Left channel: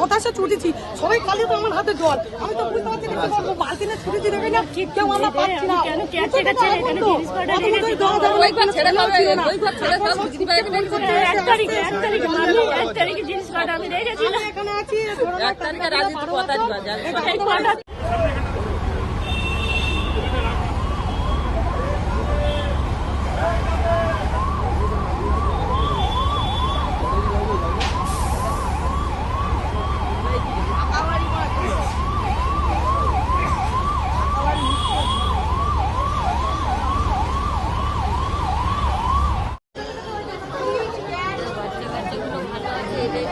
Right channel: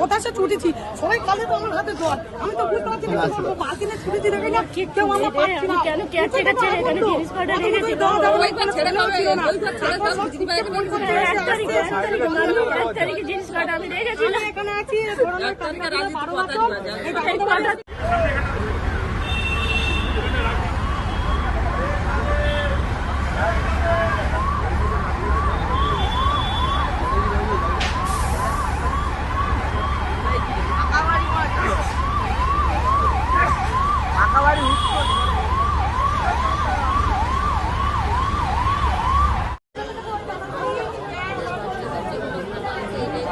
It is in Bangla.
হতাশা ছুটেছি। সবাই কালে তো আমার হাতে জল। আমি তো বুঝতে পারছি না কি করব। বালতিতে ছুটে দিলে না কেউ আমার পাচ্ছি না কেন কেয়ারটেকার ছেড়ে? এখানে জিনিসপত্র রেখেছি তো? ওই ঘর ছেড়ে পাবে ওই ঘর ছেড়ে সব দিদি ভাইকে এক তারিখে এক তারিখে আমি এক তারিখে জিনিসপত্র আমি রেখেছিলাম এখানে আছি এক তারিখে রাজনীতি কথা দিবা জানতে